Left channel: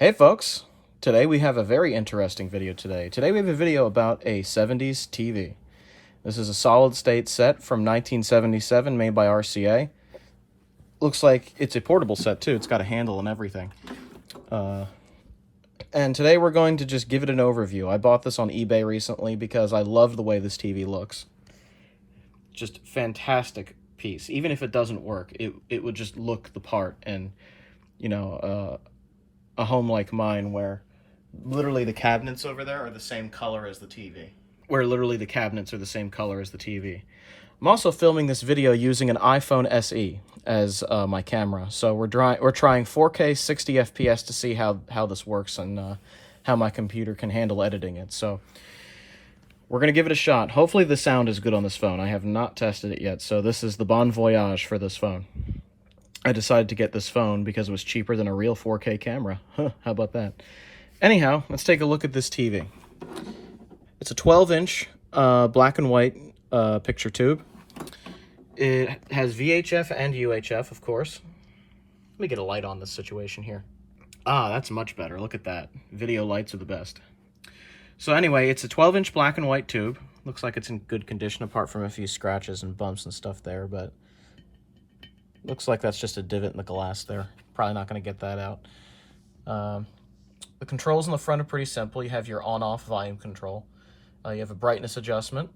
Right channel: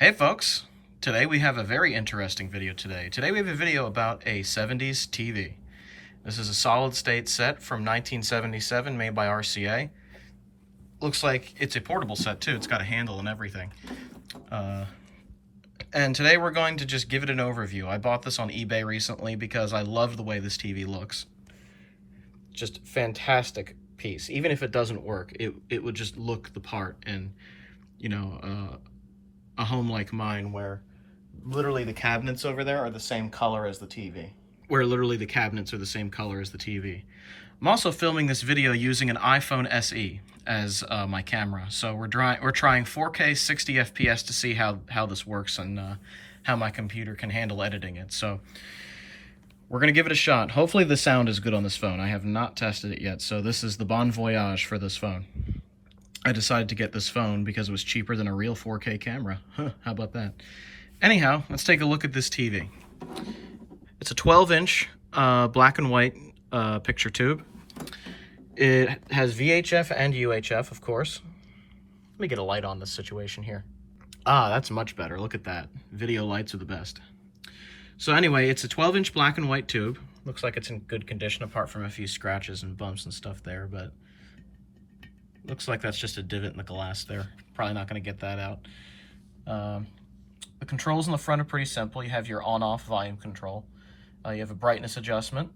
Hey folks, today we have a very interesting video today. Today we have a video about a 70s TV. This is a solid state set from 1977 made by RCA. Looks like it's a portable set too, it's got a handle and everything. And today we're going to just give it an overview. I bought this on eBay recently because I love the way this TV looks. Just fantastic piece. Even if it doesn't work, it would just look the part. And you know, a home like mine where literally the cabinets over there are the same color as the TV. I'm also filming this video using an iPhone SE as my camera. So we're trying 4K 60 FPS to see how this works and how my computer can handle editing it. So we're going to give it a shot. Hopefully the sound is good on this phone. I have not tested it yet. So this is the bon voyage for this phone. I decided to get this phone because it was cheaper than a real 4K camera. Huh, how about that? Anyhow, let's take a look at this TV. It's a 12-inch black and white picture tube. It has VHF and UHF, of course. Let me get a light on this situation here. Ah, that's much better. Look at that. Video lights are the best. So anyway, it's a 12-inch black and white tube. Looks like it's in good condition apart from a few scratches and bumps and stuff there, but looks like that's just a divot in the glass there. Probably not going to get that out. The controls in the front are pretty simple. You have your on-off volume control. You have a brightness adjustment,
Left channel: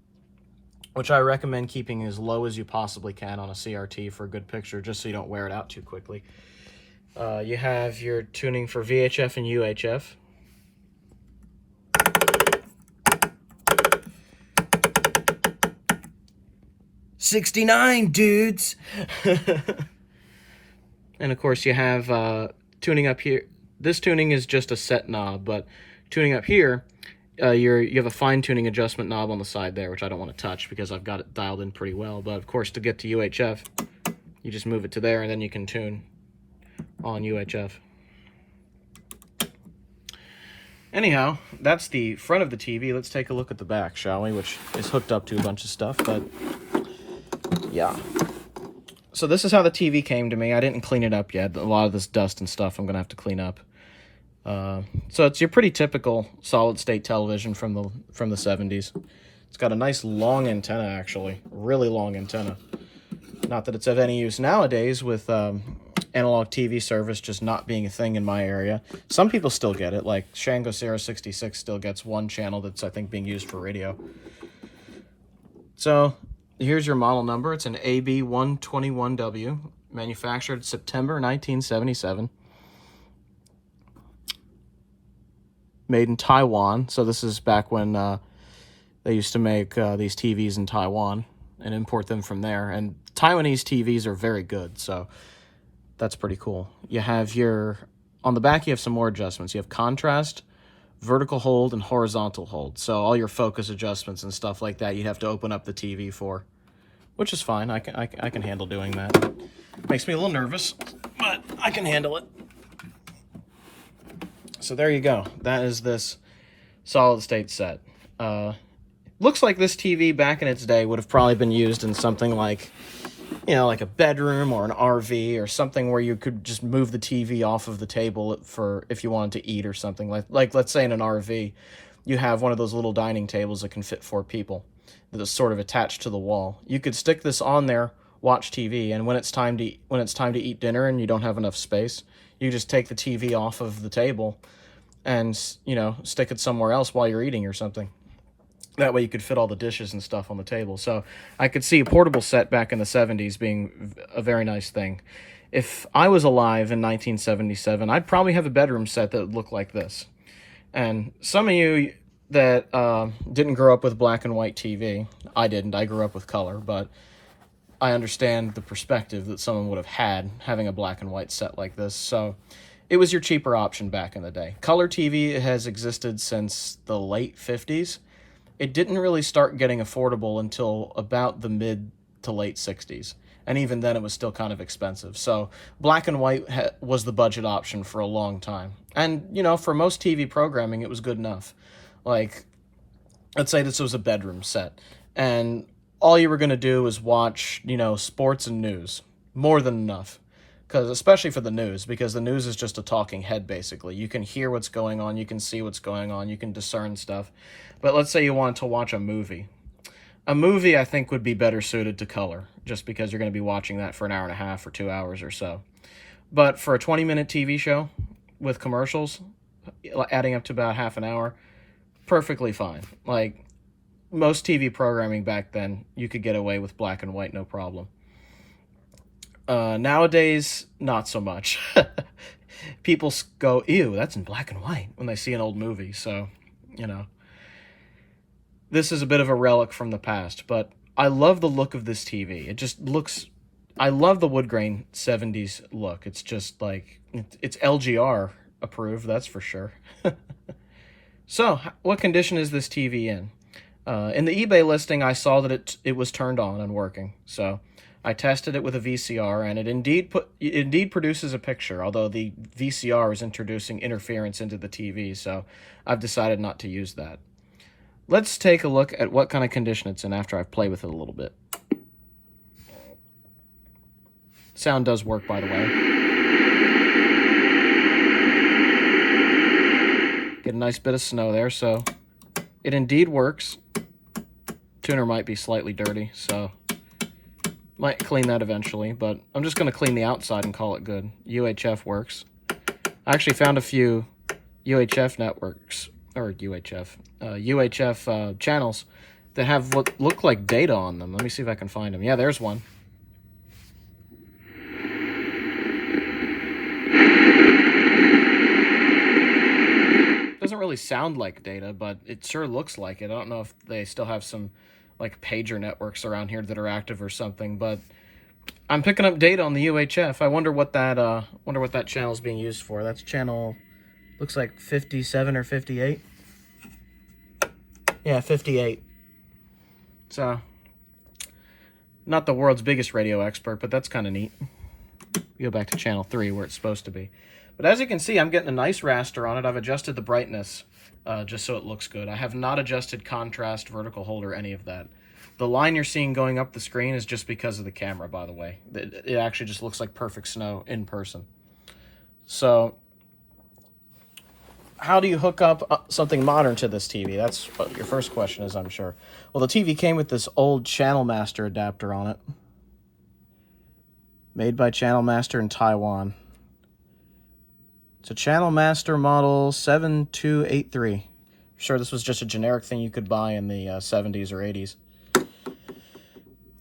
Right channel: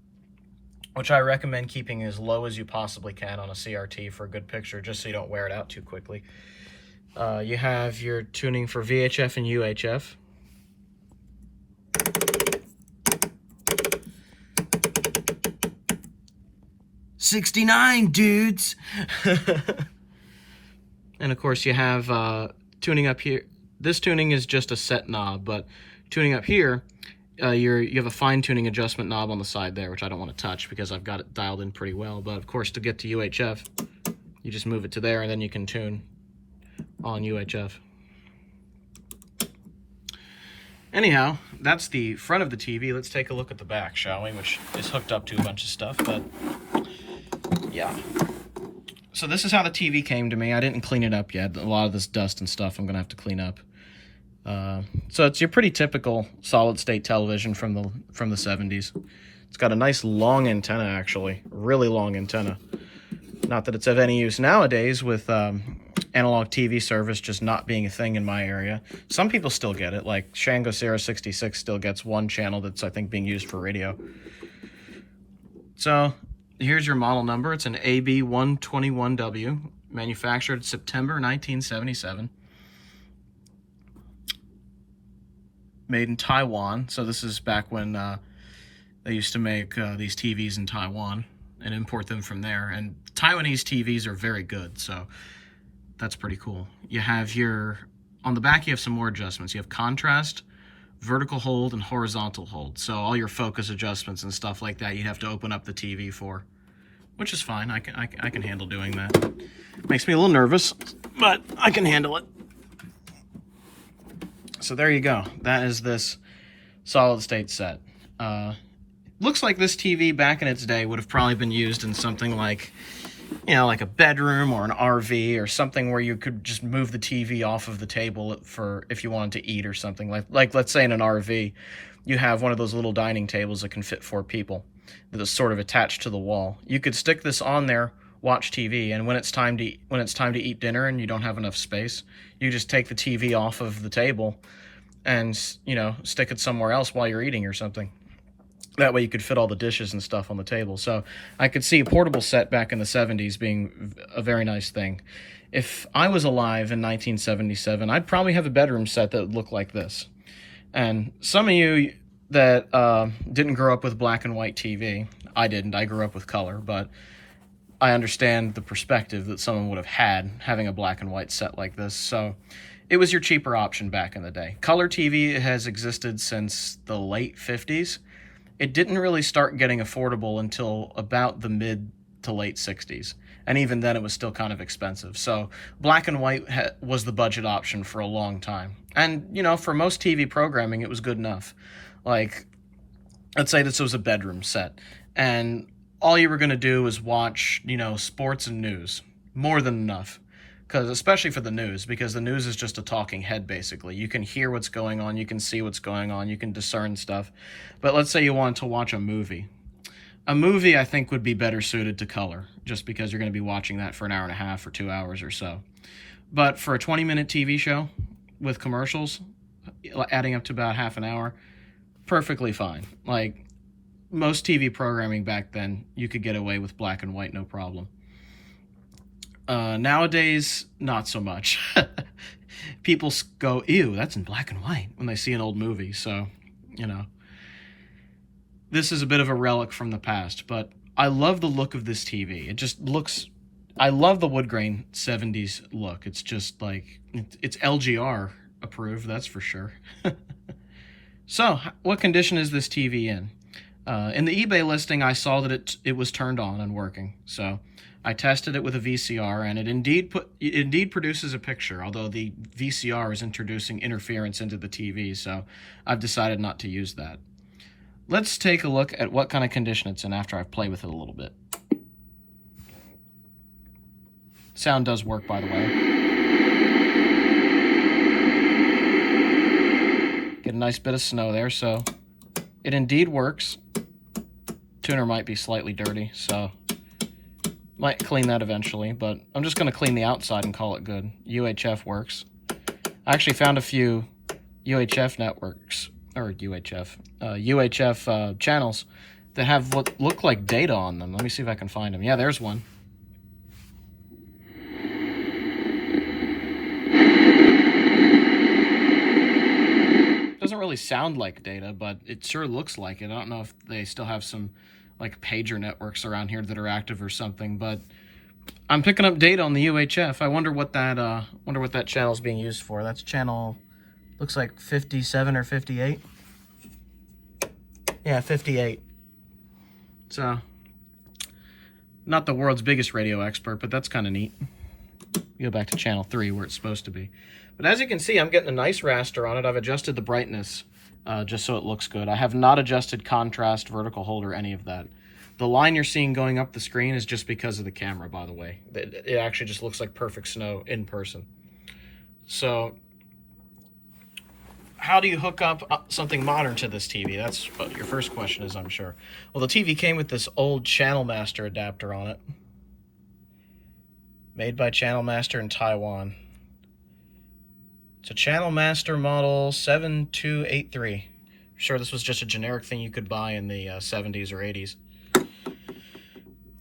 which I recommend keeping as low as you possibly can on a CRT for a good picture, just so you don't wear it out too quickly. You have your tuning for VHF and UHF. $69, dudes! And of course you have tuning up here. This tuning is just a set knob, but tuning up here, you have a fine tuning adjustment knob on the side there, which I don't want to touch because I've got it dialed in pretty well. But of course, to get to UHF, you just move it to there and then you can tune on UHF. Anyhow, that's the front of the TV. Let's take a look at the back, shall we? Which is hooked up to a bunch of stuff, but yeah. So this is how the TV came to me. I didn't clean it up yet. A lot of this dust and stuff I'm going to have to clean up. So it's your pretty typical solid-state television from the 70s. It's got a nice long antenna, actually. Really long antenna. Not that it's of any use nowadays with analog TV service just not being a thing in my area. Some people still get it, like Shango Sierra 66 still gets one channel that's, I think, being used for radio. So here's your model number. It's an AB121W, manufactured September 1977. Made in Taiwan. So this is back when they used to make these TVs in Taiwan and import them from there. And Taiwanese TVs are very good, so that's pretty cool. You have on the back you have some more adjustments. You have contrast, vertical hold, and horizontal hold. So all your focus adjustments and stuff like that you'd have to open up the TV for, which is fine. I can handle doing that. Makes me a little nervous, but I can handle it. So there you go. That is this solid state set. Looks like this TV back in its day would have probably been used in something like, you know, like a bedroom or an RV or something where you could just move the TV off of the table for if you wanted to eat or something. Like let's say in an RV, you have one of those little dining tables that can fit 4 people that is sort of attached to the wall. You could stick this on there, watch TV, and when it's time to eat dinner and you don't have enough space, you just take the TV off of the table and, you know, stick it somewhere else while you're eating or something. That way you could fit all the dishes and stuff on the table. So I could see a portable set back in the 70s being a very nice thing. If I was alive in 1977, I'd probably have a bedroom set that would look like this. And some of you that didn't grow up with black and white TV, I didn't, I grew up with color, but I understand the perspective that someone would have had having a black and white set like this. So it was your cheaper option back in the day. Color TV has existed since the late 50s. It didn't really start getting affordable until about the mid to late 60s. And even then it was still kind of expensive. So black and white was the budget option for a long time. And, you know, for most TV programming, it was good enough. Like, let's say this was a bedroom set. And all you were going to do was watch, you know, sports and news. More than enough. because especially for the news, because the news is just a talking head basically. You can hear what's going on, you can see what's going on, you can discern stuff. But let's say you wanted to watch a movie. A movie, I think, would be better suited to color, just because you're going to be watching that for an hour and a half or 2 hours or so. But for a 20-minute TV show with commercials, adding up to about half an hour, perfectly fine. Like, most TV programming back then, you could get away with black and white, no problem. Nowadays, not so much. People go, ew, that's in black and white, when they see an old movie, so, you know. This is a bit of a relic from the past, but I love the look of this TV. It just looks... I love the woodgrain 70s look. It's just like... It's LGR approved, that's for sure. So, what condition is this TV in? In the eBay listing, I saw that it was turned on and working. So, I tested it with a VCR, and it indeed produces a picture, although the VCR is introducing interference into the TV, so I've decided not to use that. Let's take a look at what kind of condition it's in after I've played with it a little bit. Sound does work, by the way. Get a nice bit of snow there, so it indeed works. Tuner might be slightly dirty, so might clean that eventually, but I'm just going to clean the outside and call it good. UHF works. I actually found a few UHF networks, or UHF channels that have what look like data on them. Let me see if I can find them. Yeah, there's one. Doesn't really sound like data, but it sure looks like it. I don't know if they still have some like pager networks around here that are active or something, but I'm picking up data on the UHF. I wonder what that channel is being used for. That's channel, looks like 57 or 58. Yeah, 58. So, not the world's biggest radio expert, but that's kind of neat. Go back to channel 3 where it's supposed to be. But as you can see, I'm getting a nice raster on it. I've adjusted the brightness just so it looks good. I have not adjusted contrast, vertical hold, or any of that. The line you're seeing going up the screen is just because of the camera, by the way. It actually just looks like perfect snow in person. So, how do you hook up something modern to this TV? That's what your first question is, I'm sure. Well, the TV came with this old Channel Master adapter on it. Made by Channel Master in Taiwan. It's a Channel Master model 7283. I'm sure this was just a generic thing you could buy in the 70s or 80s.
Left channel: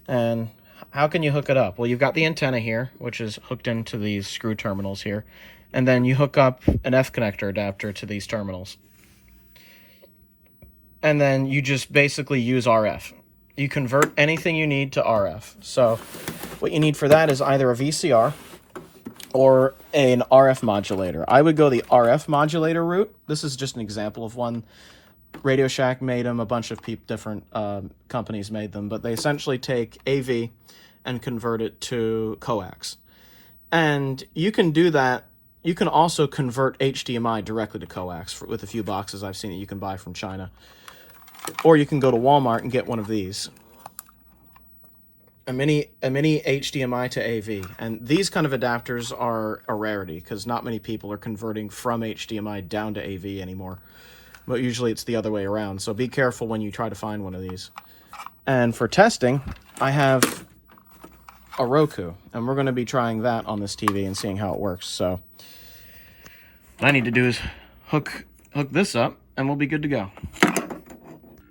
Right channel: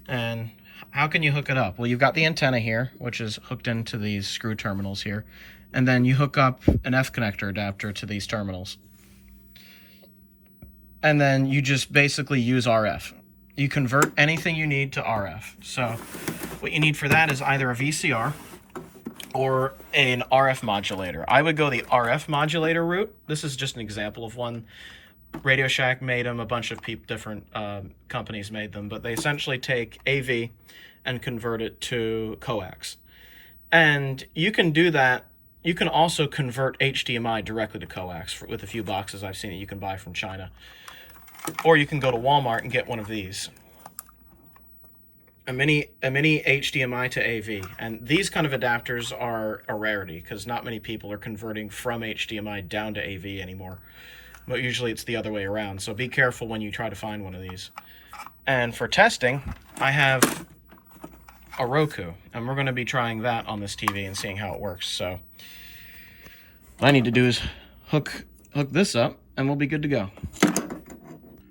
And how can you hook it up? Well, you've got the antenna here, which is hooked into these screw terminals here. And then you hook up an F connector adapter to these terminals. And then you just basically use RF. You convert anything you need to RF. So what you need for that is either a VCR or an RF modulator. I would go the RF modulator route. This is just an example of one. Radio Shack made them, a bunch of different companies made them, but they essentially take AV and convert it to coax. And you can do that. You can also convert HDMI directly to coax with a few boxes I've seen that you can buy from China. Or you can go to Walmart and get one of these. A mini HDMI to AV. And these kind of adapters are a rarity because not many people are converting from HDMI down to AV anymore. But usually it's the other way around. So be careful when you try to find one of these. And for testing, I have a Roku. And we're going to be trying that on this TV and seeing how it works. So what I need to do is hook this up and we'll be good to go.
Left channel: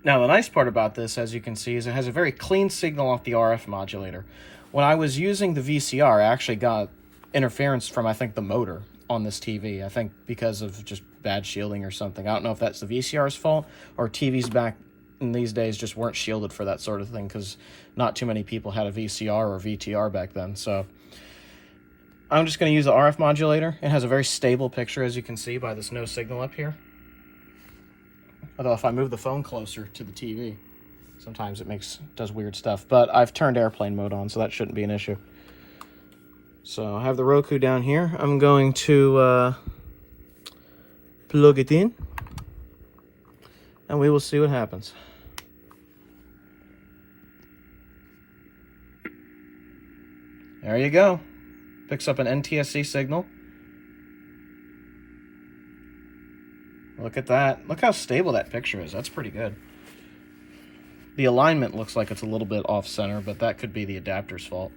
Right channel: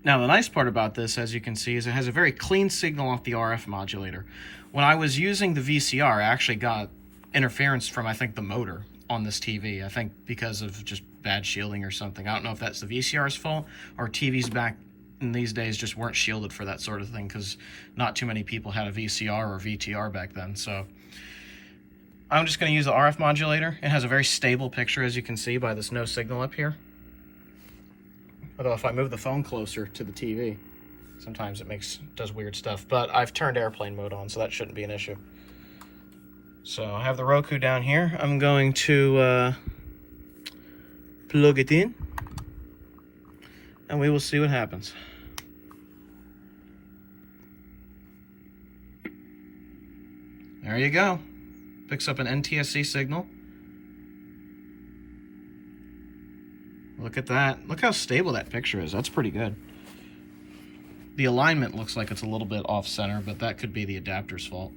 Now the nice part about this, as you can see, is it has a very clean signal off the RF modulator. When I was using the VCR, I actually got interference from, I think, the motor on this TV. I think because of just bad shielding or something. I don't know if that's the VCR's fault or TVs back in these days just weren't shielded for that sort of thing because not too many people had a VCR or VTR back then. So I'm just going to use the RF modulator. It has a very stable picture, as you can see by this no signal up here. Although if I move the phone closer to the TV, sometimes it does weird stuff. But I've turned airplane mode on, so that shouldn't be an issue. So I have the Roku down here. I'm going to plug it in, and we will see what happens. There you go. Picks up an NTSC signal. Look at that. Look how stable that picture is. That's pretty good. The alignment looks like it's a little bit off center, but that could be the adapter's fault.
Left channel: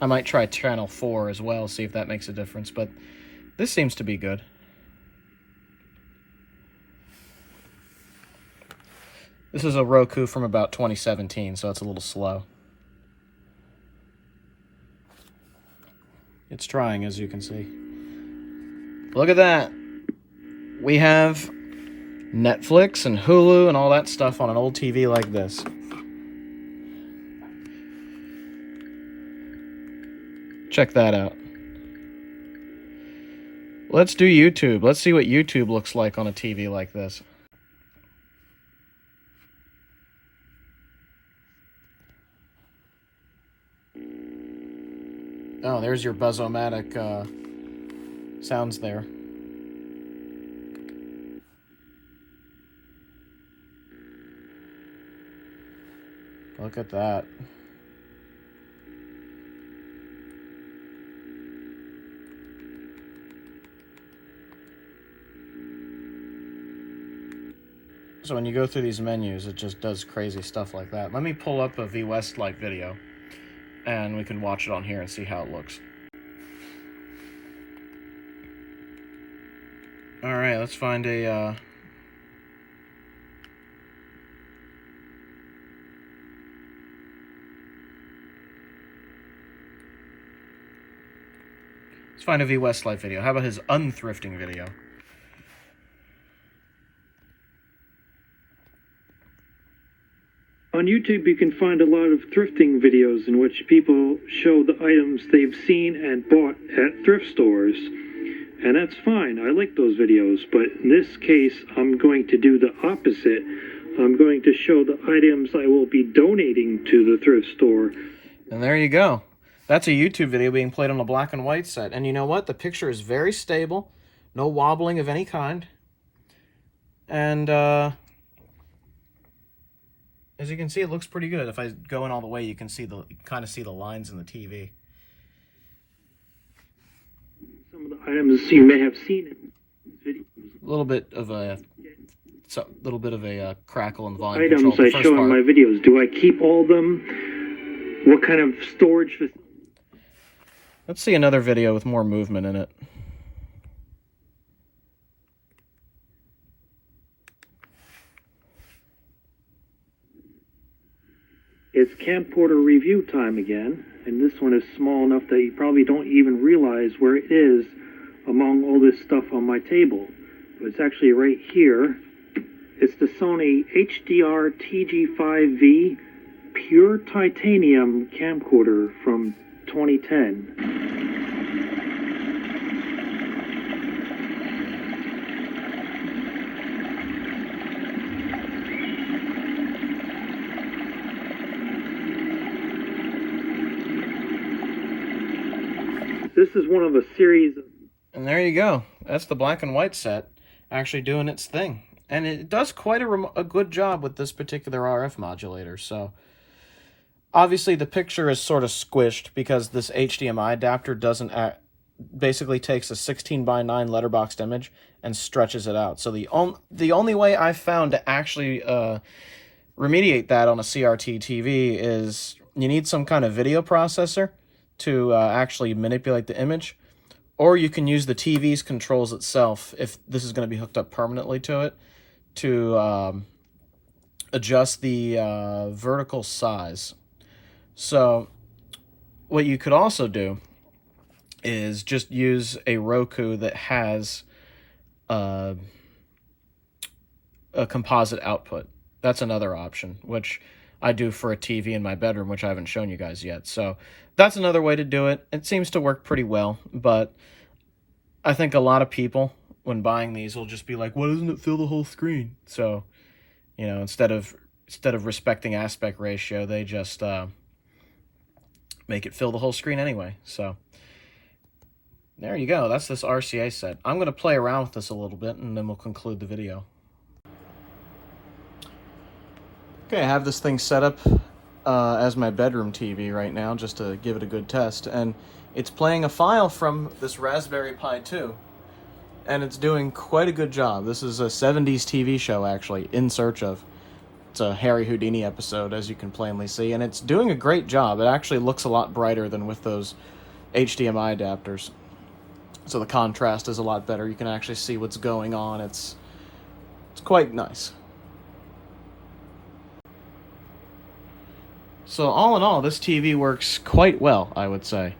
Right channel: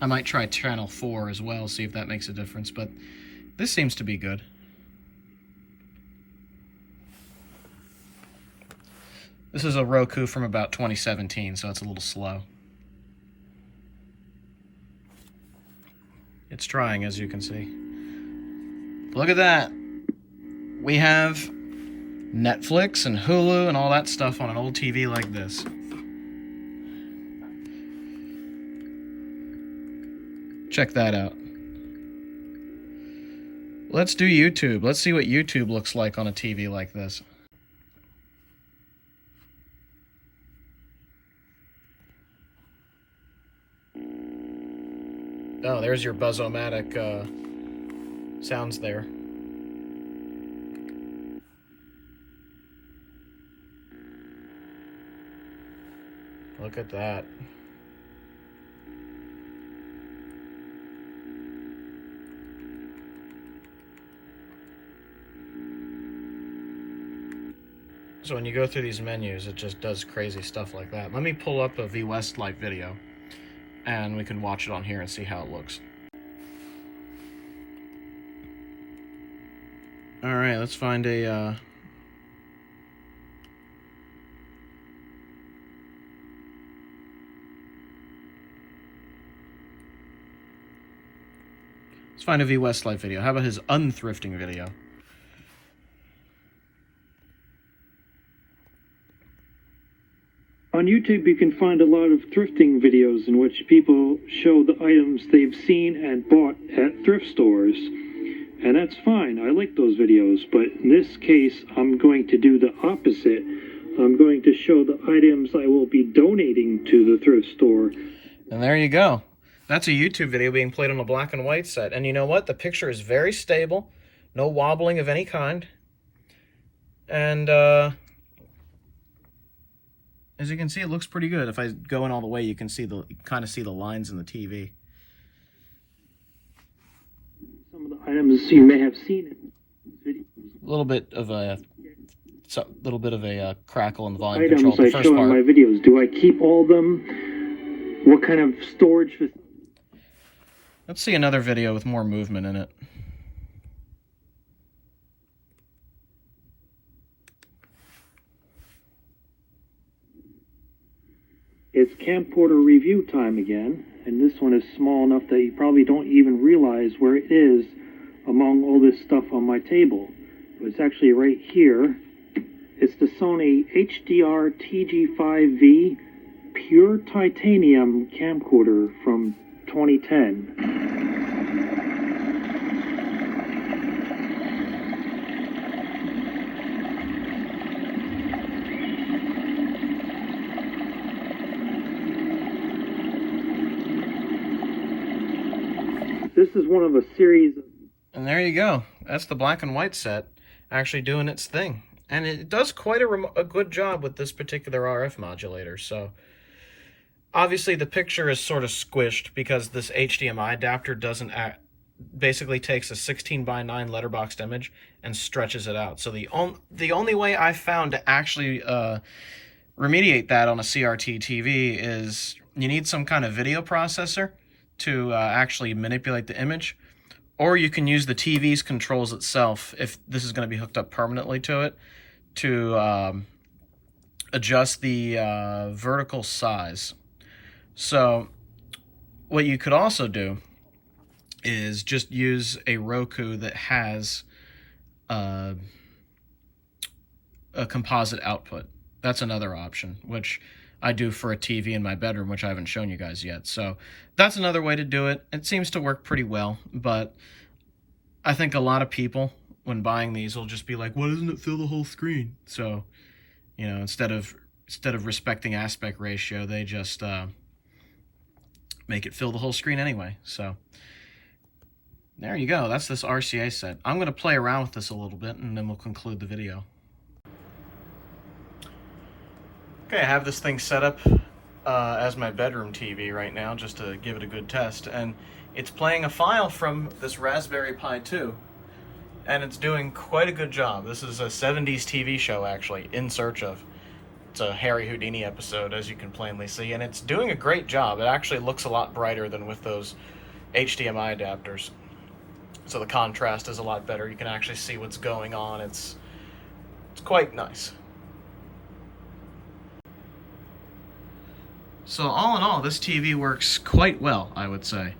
I might try channel 4 as well, see if that makes a difference, but this seems to be good. This is a Roku from about 2017, so it's a little slow. It's trying, as you can see. Look at that. We have Netflix and Hulu and all that stuff on an old TV like this. Check that out. Let's do YouTube. Let's see what YouTube looks like on a TV like this. Oh, there's your Buzz-O-Matic sounds there. Look at that. So when you go through these menus, it just does crazy stuff like that. Let me pull up a V-Westlife video, and we can watch it on here and see how it looks. Alright, let's find a... Let's find a V-Westlife video. How about his unthrifting video? On YouTube, you can find a lot of thrifting videos in which people show the items they've seen and bought at thrift stores. And that's fine. I like those videos. But in this case, I'm going to do the opposite. I'm going to show the items I will be donating to the thrift store. And there you go. That's a YouTube video being played on a black and white set. And you know what? The picture is very stable. No wobbling of any kind. And, as you can see, it looks pretty good. If I go in all the way, you can see kind of see the lines in the TV. Some of the items you may have seen in videos. A little bit of a crackle in the volume Items control. I show in my videos. Do I keep all of them? What kind of storage? Let's see another video with more movement in it. It's camcorder review time again, and this one is small enough that you probably don't even realize where it is among all this stuff on my table. But it's actually right here. It's the Sony HDR TG5V Pure Titanium camcorder from 2010. This is one of a series of... And there you go. That's the black and white set actually doing its thing. And it does quite a good job with this particular RF modulator. So obviously the picture is sort of squished because this HDMI adapter doesn't basically takes a 16:9 letterboxed image and stretches it out. So the only way I found to actually remediate that on a CRT TV is you need some kind of video processor to actually manipulate the image, or you can use the TV's controls itself if this is going to be hooked up permanently to it to adjust the vertical size. So what you could also do is just use a Roku that has a composite output. That's another option, which I do for a TV in my bedroom, which I haven't shown you guys yet. So that's another way to do it. It seems to work pretty well, but I think a lot of people, when buying these, will just be like, why doesn't it fill the whole screen? So, you know, instead of respecting aspect ratio, they just make it fill the whole screen anyway. So there you go. That's this RCA set. I'm going to play around with this a little bit, and then we'll conclude the video. Okay, I have this thing set up as my bedroom TV right now, just to give it a good test, and it's playing a file from this Raspberry Pi 2, and it's doing quite a good job. This is a 70s TV show, actually, In Search Of. It's a Harry Houdini episode, as you can plainly see, and it's doing a great job. It actually looks a lot brighter than with those HDMI adapters, so the contrast is a lot better. You can actually see what's going on. It's quite nice. So all in all, this TV works quite well, I would say,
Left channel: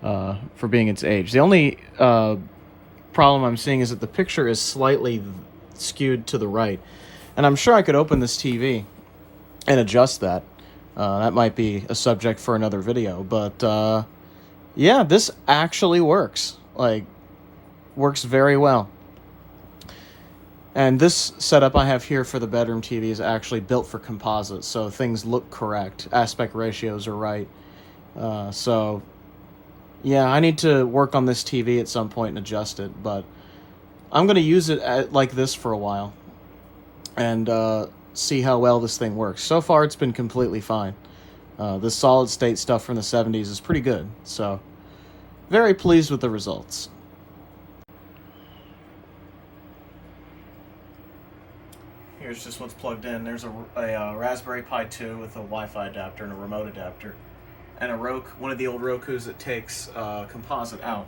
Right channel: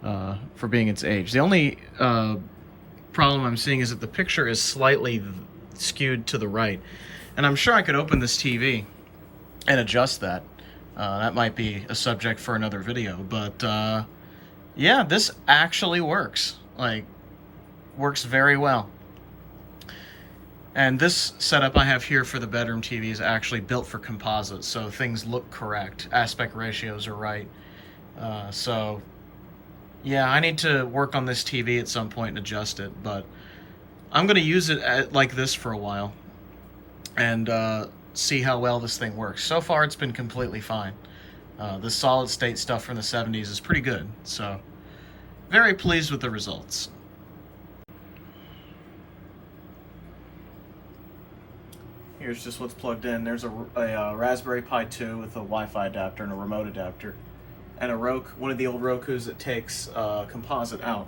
for being its age. The only problem I'm seeing is that the picture is slightly skewed to the right. And I'm sure I could open this TV and adjust that. That might be a subject for another video. But yeah, this actually works. Like, works very well. And this setup I have here for the bedroom TV is actually built for composites, so things look correct. Aspect ratios are right. So, yeah, I need to work on this TV at some point and adjust it, but I'm going to use it like this for a while and see how well this thing works. So far, it's been completely fine. This solid-state stuff from the 70s is pretty good, so very pleased with the results. Here's just what's plugged in. There's a Raspberry Pi 2 with a Wi-Fi adapter and a remote adapter, and a Roku, one of the old Rokus that takes composite out.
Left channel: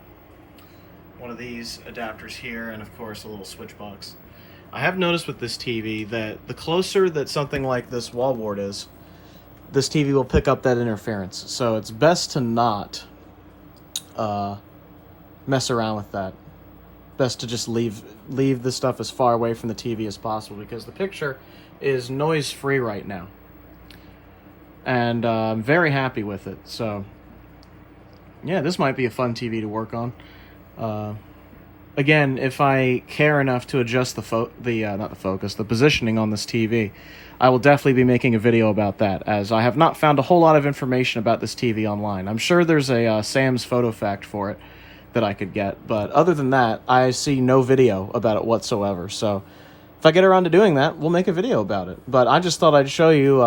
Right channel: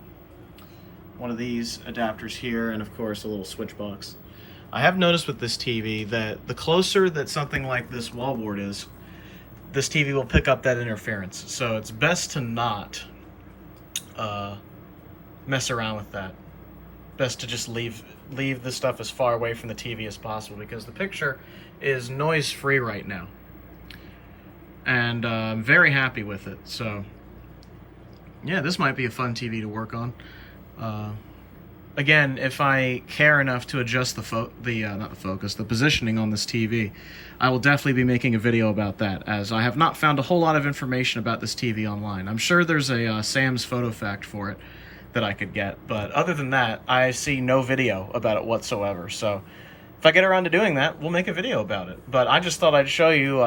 One of these adapters here, and of course a little switch box. I have noticed with this TV that the closer that something like this wallboard is, this TV will pick up that interference. So it's best to not mess around with that. Best to just leave this stuff as far away from the TV as possible, because the picture is noise free right now, and I'm very happy with it. So yeah, this might be a fun TV to work on. Again, if I care enough to adjust the positioning on this TV, I will definitely be making a video about that, as I have not found a whole lot of information about this TV online. I'm sure there's a Sam's Photo Fact for it that I could get, but other than that, I see no video about it whatsoever. So if I get around to doing that, we'll make a video about it. But I just thought I'd show you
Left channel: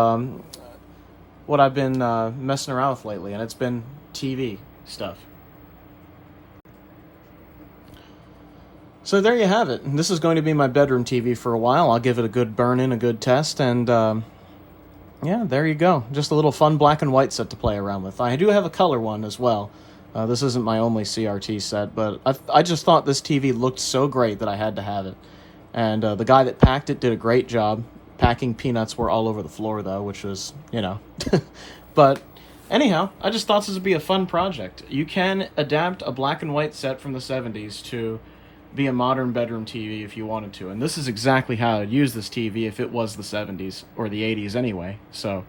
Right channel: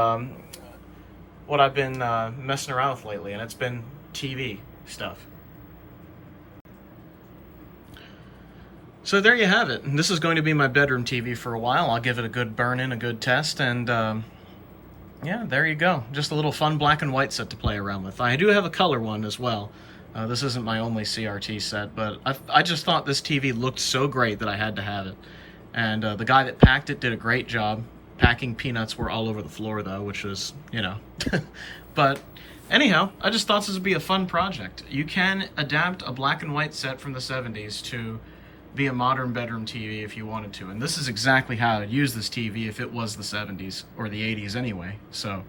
what I've been messing around with lately, and it's been TV stuff. So there you have it. This is going to be my bedroom TV for a while. I'll give it a good burn-in, a good test, and yeah, there you go. Just a little fun black and white set to play around with. I do have a color one as well. This isn't my only CRT set, but I just thought this TV looked so great that I had to have it. And the guy that packed it did a great job. Packing peanuts were all over the floor, though, which was, you know. But anyhow, I just thought this would be a fun project. You can adapt a black and white set from the 70s to be a modern bedroom TV if you wanted to. And this is exactly how I'd use this TV if it was the 70s, or the 80s anyway. So,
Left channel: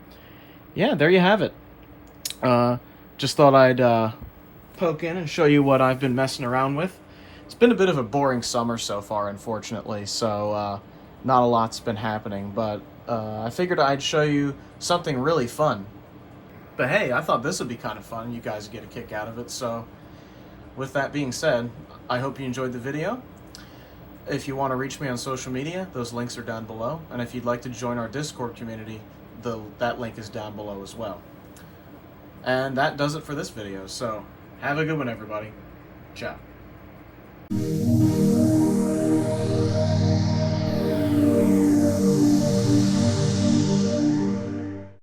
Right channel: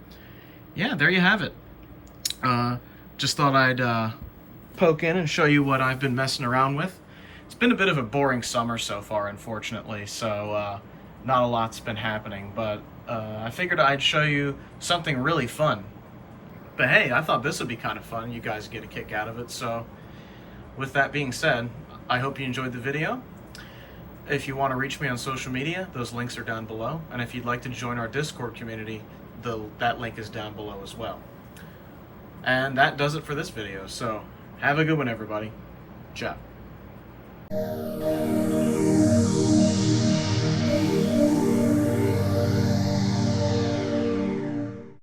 yeah, there you have it. Just thought I'd poke in and show you what I've been messing around with. It's been a bit of a boring summer so far, unfortunately, so not a lot's been happening, but I figured I'd show you something really fun. But hey, I thought this would be kind of fun. You guys get a kick out of it. So with that being said, I hope you enjoyed the video. If you want to reach me on social media, those links are down below. And if you'd like to join our Discord community, that link is down below as well. And that does it for this video. So have a good one, everybody. Ciao.